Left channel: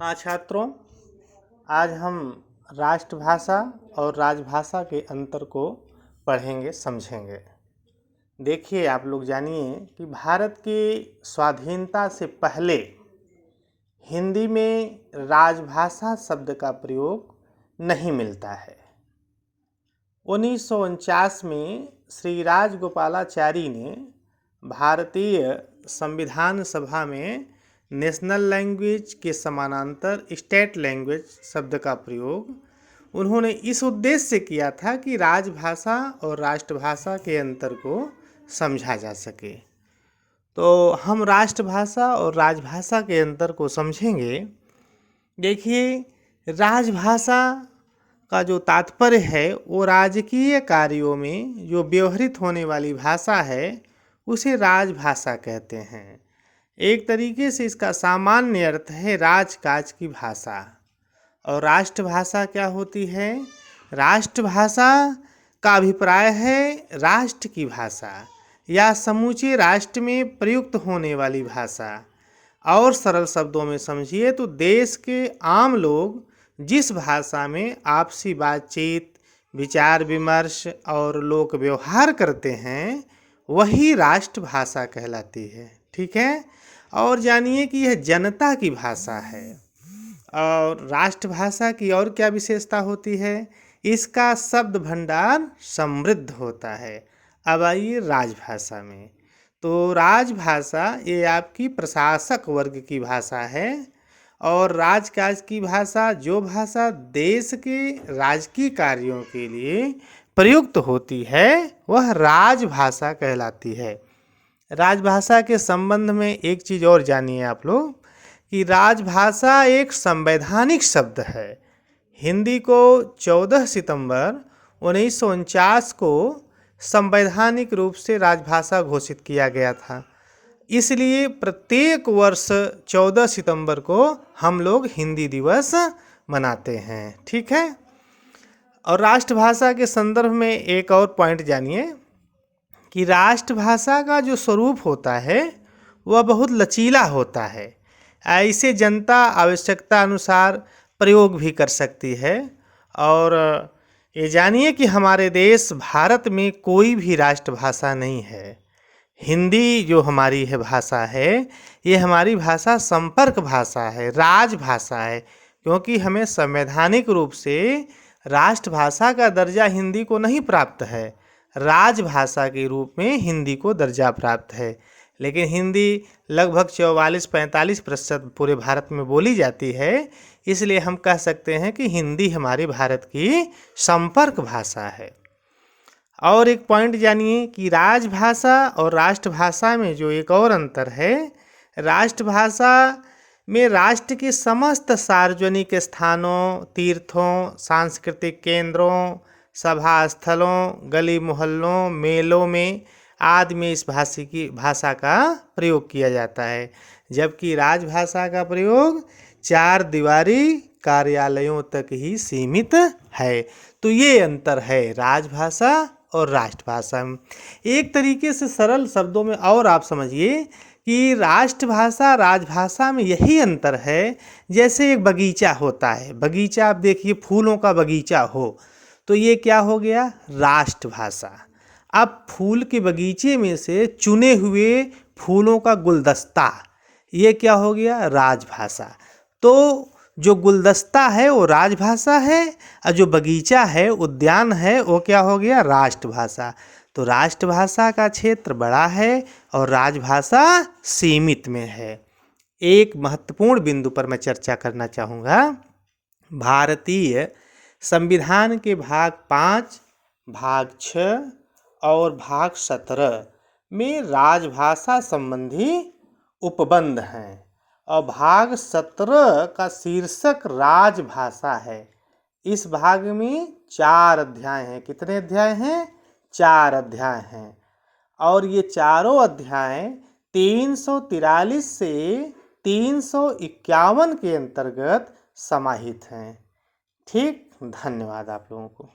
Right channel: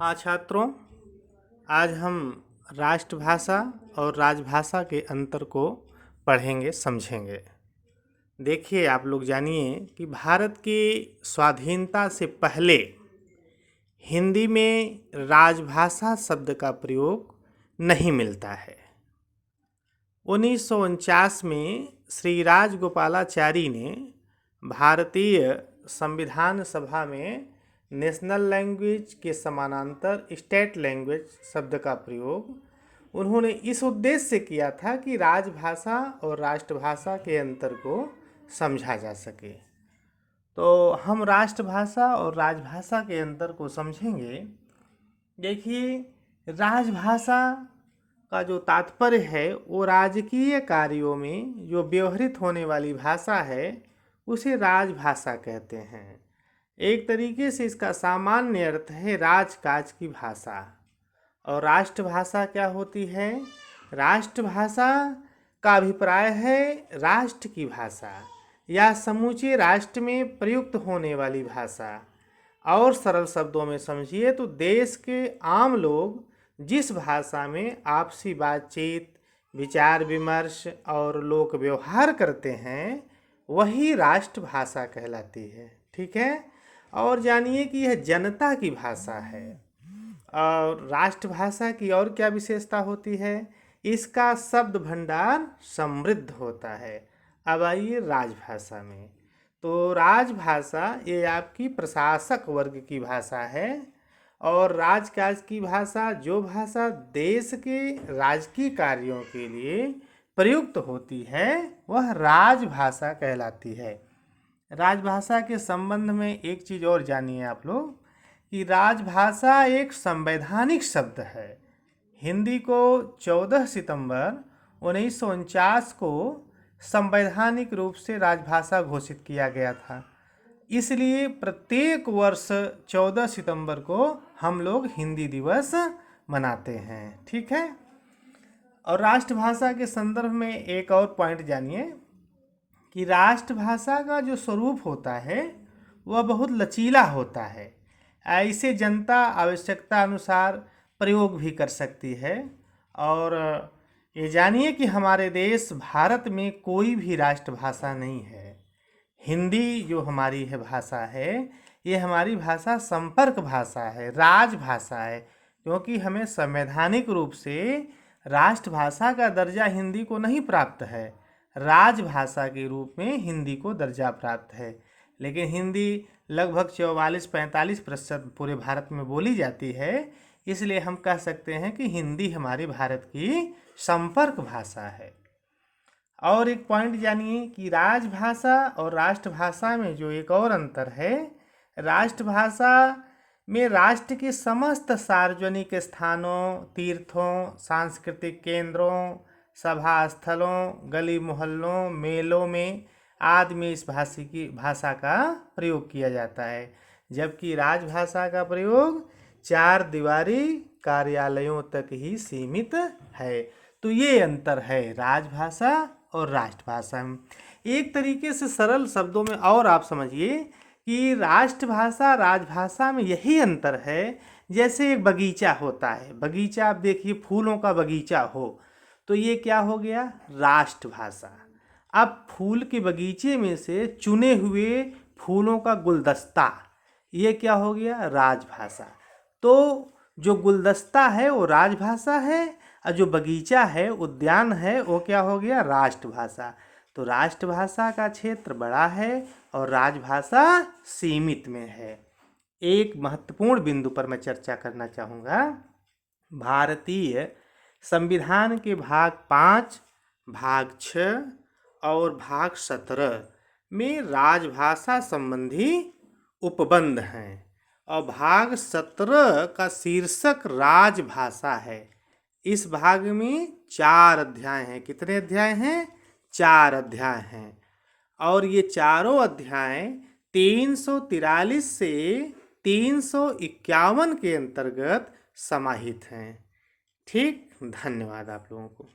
हाँ छात्रों, आज हम राष्ट्रभाषा और राजभाषा के अंतर को पढ़ेंगे, समझेंगे। देखिए, आप लोग जानिए कि भारत की स्वाधीनता से पहले हिंदी में राजभाषा शब्द का प्रयोग नहीं मिलता है। 1949 में श्री राजगोपालाचारी ने भारतीय संविधान सभा में नेशनल लैंग्वेज के समानांतर स्टेट लैंग्वेज शब्द का प्रयोग उन्होंने इस उद्देश्य से किया था कि राजभाषा और राष्ट्रभाषा के अंतर को समझा जा सके। तो हम राष्ट्रभाषा और राजभाषा के अंतर को समझेंगे। देखिए, राजभाषा का जो तात्पर्य है वो राजकीय कार्यों में जो व्यवहृत होने वाली भाषा है उसे राजभाषा कहते हैं। एक तरीके से इसका सामान्य अर्थ है राजकाज की भाषा। और राष्ट्रभाषा क्या होती है? राष्ट्रभाषा का अभिप्राय है राष्ट्र की भाषा या समूचे राष्ट्र में प्रयुक्त होने वाली भाषा। और सरल शब्दों में समझिए तो देश के आम लोग जिस भाषा में आपसी बातचीत, विचार विमर्श और लोक व्यवहार करते हैं वही राष्ट्रभाषा कहलाती है। ठीक है। और जानिए कि यह जनता की भाषा है। और राष्ट्रभाषा की और क्या विशेषता होती है? इसका शब्द भंडार समृद्ध होता है। अब आइए राजभाषा में। तो राजभाषा ये आपकी प्रशासक वर्ग की भाषा है। और राजकाज की भाषा जो भाषा देश के राजकीय कार्यों के लिए प्रयुक्त होती है वह राजभाषा कहलाती है। राजभाषा के संबंध में एक चीज़ और जानिए आप लोग कि राजभाषा एक संवैधानिक शब्द है। हिंदी को 14 सितंबर 1949 को संवैधानिक रूप से राजभाषा घोषित किया गया था। इसलिए प्रत्येक वर्ष 14 सितंबर को हम लोग हिंदी दिवस मनाते हैं। ठीक है। और राष्ट्रभाषा के संदर्भ में एक और पॉइंट जानिए कि राष्ट्रभाषा का जो स्वरूप होता है वह बहुत लचीला होता है। इसे जनता आवश्यकता अनुसार प्रयोग भी कर सकती है। और ये जानिए कि हमारे देश भारत में कोई भी राष्ट्रभाषा नहीं है। हिंदी जो हमारी है भाषा है ये हमारी भाषा संपर्क भाषा है, राजभाषा है। क्योंकि हमें संवैधानिक रूप से राष्ट्रभाषा का दर्जा हिंदी को नहीं प्राप्त है, राजभाषा के रूप में हिंदी को दर्जा प्राप्त है। लेकिन हिंदी लगभग 44-45% पूरे भारत में बोली जाती है। इसलिए हम कह सकते हैं कि हिंदी हमारे भारत की संपर्क भाषा है। और एक पॉइंट जानिए कि राजभाषा और राष्ट्रभाषा में जो एक और अंतर है, राष्ट्रभाषा में राष्ट्र के समस्त सार्वजनिक स्थानों, तीर्थों, सांस्कृतिक केंद्रों, सभा स्थलों, गली मोहल्लों, मेलों में आदि में इस भाषा का प्रयोग किया जाता है। जबकि राजभाषा का प्रयोग 4 दीवारी कार्यालयों तक ही सीमित है। तो ये अंतर है राजभाषा और राष्ट्रभाषा में। एक तरीके से सरल शब्दों में और आप समझिए कि राष्ट्रभाषा राजभाषा में यही अंतर है जैसे एक बगीचा होता है। बगीचा आप देखिए, फूलों का बगीचा हो तो ये क्या हो गया? राष्ट्रभाषा। अब फूल के बगीचे में से चुने हुए फूलों का गुलदस्ता, ये क्या हो गया? राजभाषा। तो जो गुलदस्ता है वो राजभाषा है और जो बगीचा है, उद्यान है, वो क्या हो गया? राष्ट्रभाषा। तो राष्ट्रभाषा का क्षेत्र बड़ा है और राजभाषा सीमित में है। एक महत्वपूर्ण बिंदु पर मैं चर्चा करना चाहूँगा। भारतीय संविधान के भाग 5, भाग 6 और भाग 17 में राजभाषा संबंधी उपबंध हैं। और भाग 17 का शीर्षक राजभाषा है। इस भाग में 4 अध्याय हैं। कितने अध्याय हैं? 4 अध्याय हैं। और ये चारों अध्याय 343 से 351 के अंतर्गत समाहित हैं। ठीक, धन्यवाद आप लोगों को।